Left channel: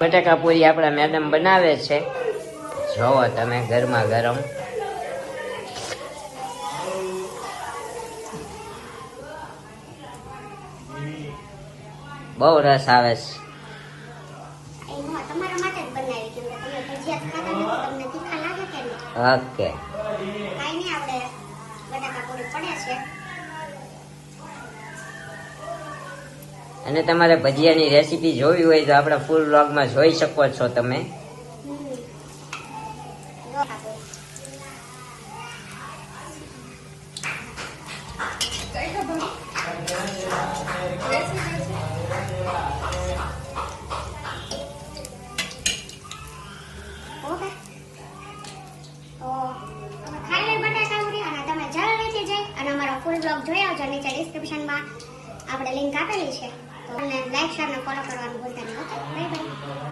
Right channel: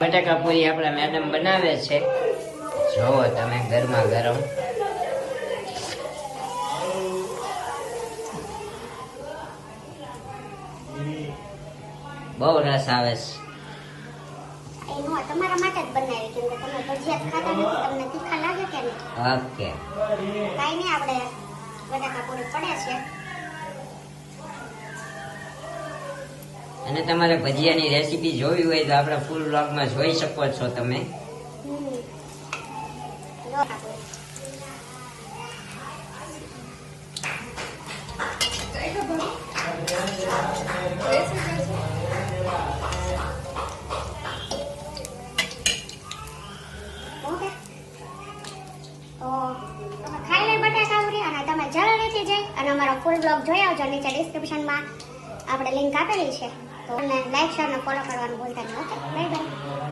બટાકા પૂરી આપણા મેડમ બનાવે છે, જોવો તમે ગરમા ગરમ. બહુ રસ આવે છે. તમારા માટે જ બનાવી, કેમ કે તમે ભજીયા ખાતા નથી, તમને તીખા લાગે કે નહીં? ઓકે, કાંઈ નહીં, આપણે બટાકા પૂરી પડે છે. અને તમારે ભજીયાની રેસીપી જોવી હોય તો આપણે ફૂલ વ્લોગમાં જોઈ શકો છો તમે. અને અમારો ફૂલ બ્લોગ જોઈ આવજો. નીચે ડિસ્ક્રિપ્શનમાં આપણે લિંક આપેલી છે, તો લાઈક શેર અને ફોલો કરવાનું ભૂલતા નહીં. Okay, bye bye.